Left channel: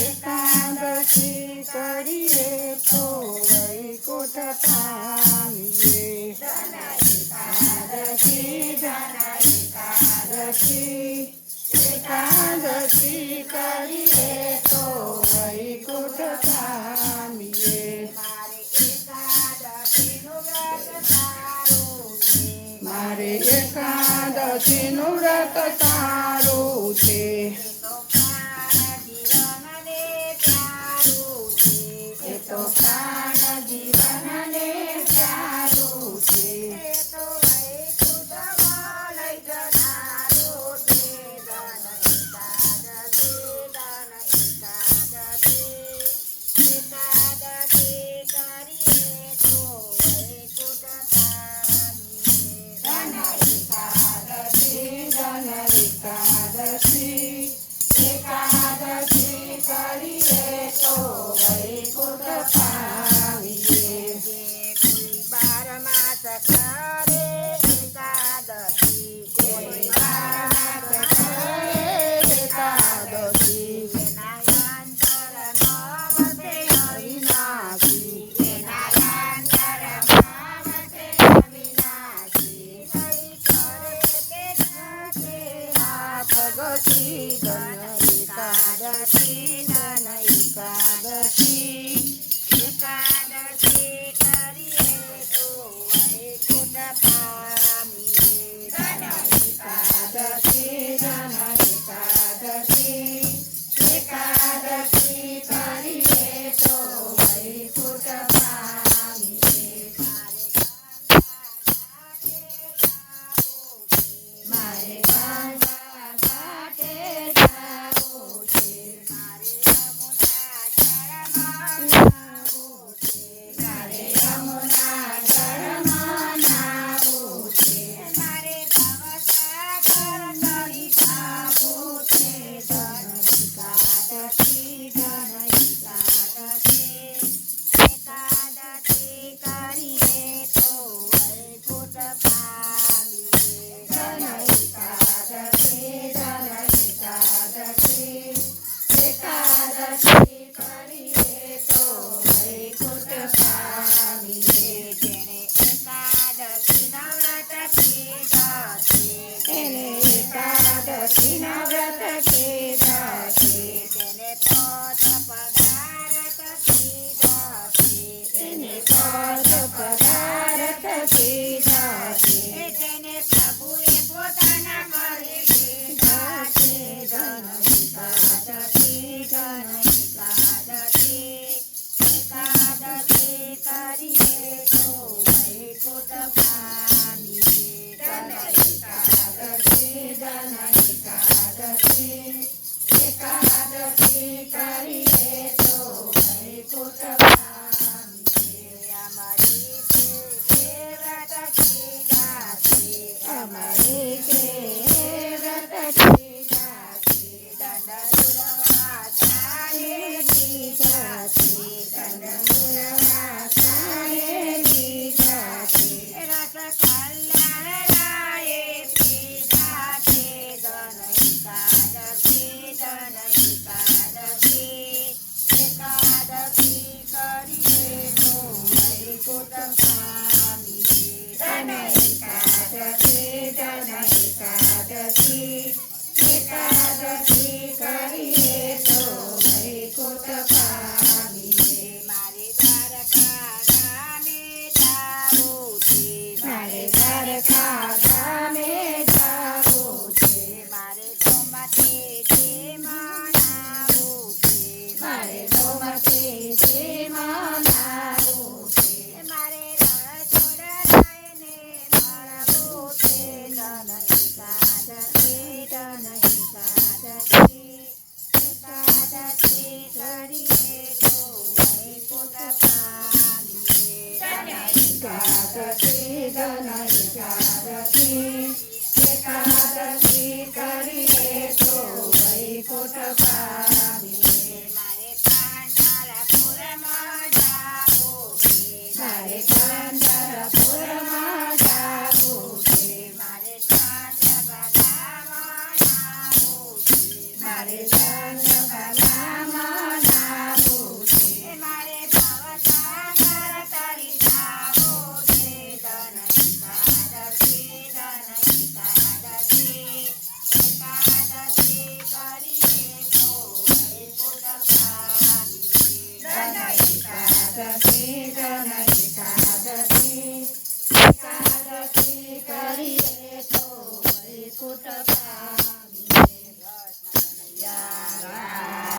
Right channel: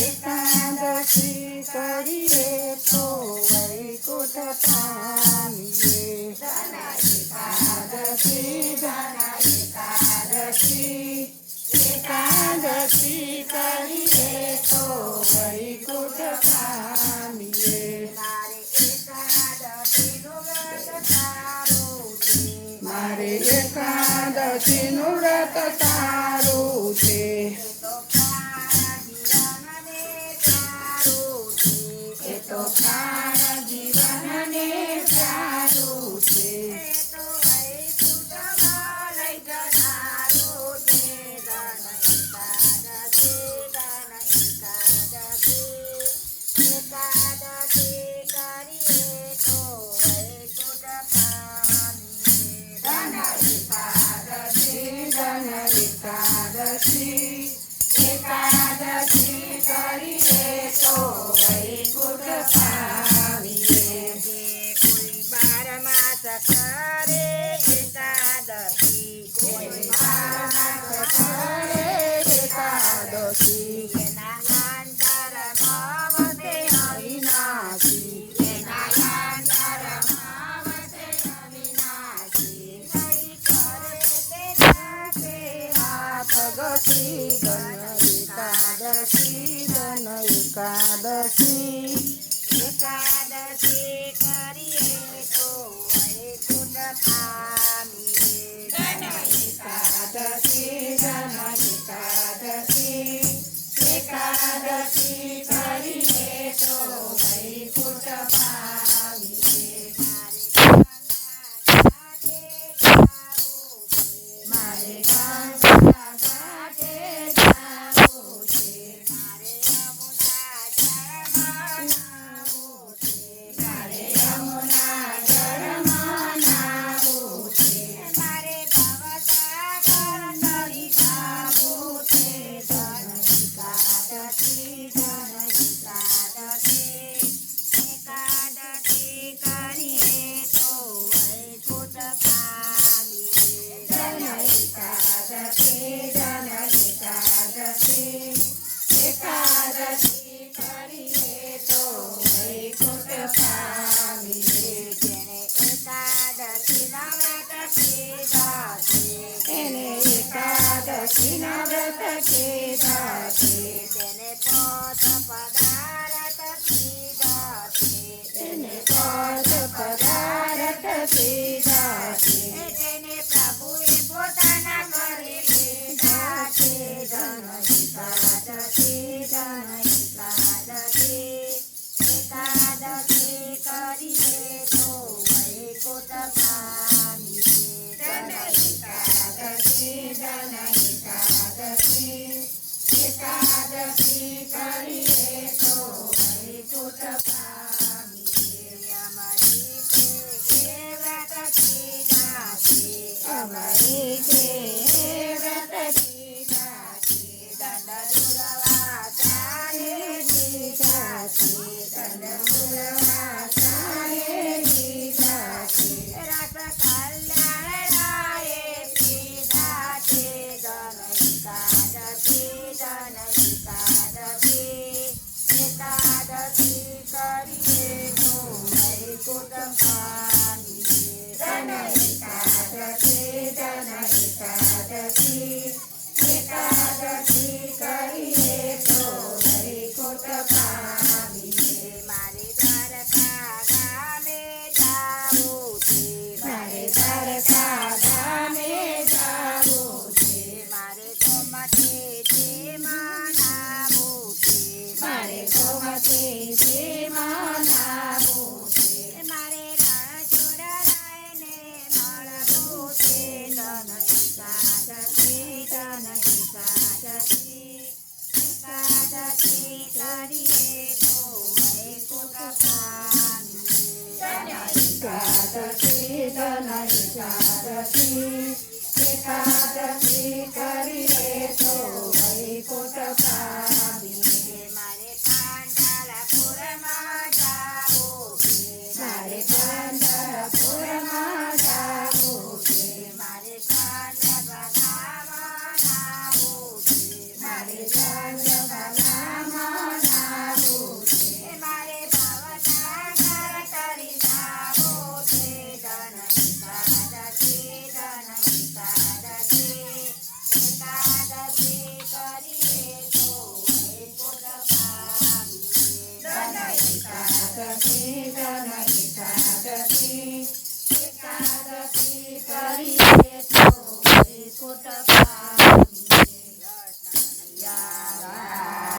એકાદશી કરીએ તો વૈકુંઠ પામીએ. એકાદશી કરીએ તો વૈકુંઠ પામીએ. મારે એકાદશીનું વ્રત તારું છે. એ તો પ્રાણ જીવનને પ્યારું છે. એકાદશી કરીએ તો વૈકુંઠ પામીએ. કોઈ 12 માસ કરે એકાદશી, કોઈ 12 માસ કરે એકાદશી. એના અંતર નવતે અવિનાશી, એના અંતર નવતે અવિનાશી. કઈ કરે તે જાતે આપગતી ધન એકાદશી, ધન એકાદશી. એકાદશી કરીએ તો વૈકુંઠ પામીએ. એકાદશી, ધન એકાદશી. એકાદશી કરીએ તો વૈકુંઠ પામીએ. મારે ગંગા ઘાટે જાવું છે. મારે યમુના જળમાં નાવું છે. મારે ભવસાગર તરી જાવું છે. ધન એકાદશી, ધન એકાદશી. એકાદશી કરીએ તો વૈકુંઠ પામીએ. ધન એકાદશી, ધન એકાદશી. એકાદશી કરીએ તો વૈકુંઠ પામીએ. જેણે એકાદશીના વ્રત કીધા છે, એને એકાદશીના વ્રત કીધા છે. તેને પોત પદાર્થ કીધા છે, એને પોત પદાર્થ કીધા છે. તેને પ્રભુએ પોતાના ઘરે લીધા છે. ધન એકાદશી, ધન એકાદશી. એકાદશી કરીએ તો વૈકુંઠ પામીએ. ધન એકાદશી, ધન એકાદશી. એકાદશી કરીએ તો વૈકુંઠ પામીએ. અમારી છે એ વ્રત કીધા છે, અમારી છે એ વ્રત કીધા છે. દંડ દુર્વાસાએ લીધા છે, દંડ દુર્વાસાએ લીધા છે. રસ કલ્યાણરાયે પીધા છે. ધન એકાદશી, ધન એકાદશી. એકાદશી કરીએ તો વૈકુંઠ પામીએ. ધન એકાદશી, ધન એકાદશી. એકાદશી કરીએ તો વૈકુંઠ પામીએ. મારે દ્વારકા ગામે જાવું છે. મારે દ્વારકા ગામે જાવું છે. મારે ગોમતીજીમાં નાવું છે. મારે ગોમતીજીમાં નાવું છે. મારે રણછોડરાયને મળવું છે. ધન એકાદશી, ધન એકાદશી. એકાદશી કરીએ તો વૈકુંઠ પામીએ. એકાદશી, ધન એકાદશી. એકાદશી કરીએ તો વૈકુંઠ પામીએ. મારે પાંડલપુરમાં જાવું છે. મારે પાંડલપુરમાં જાવું છે. મારે ચાંદભાગામાં નાવું છે. મારે ચંદ્રકલા મનાવું છે. મારે ભાવસાગર તરી જાવો છે. ધન એકાદશી એકાદશી કરીએ તો વૈકુંઠ પામીએ. ધન એકાદશી કરીએ તો વૈકુંઠ પામીએ.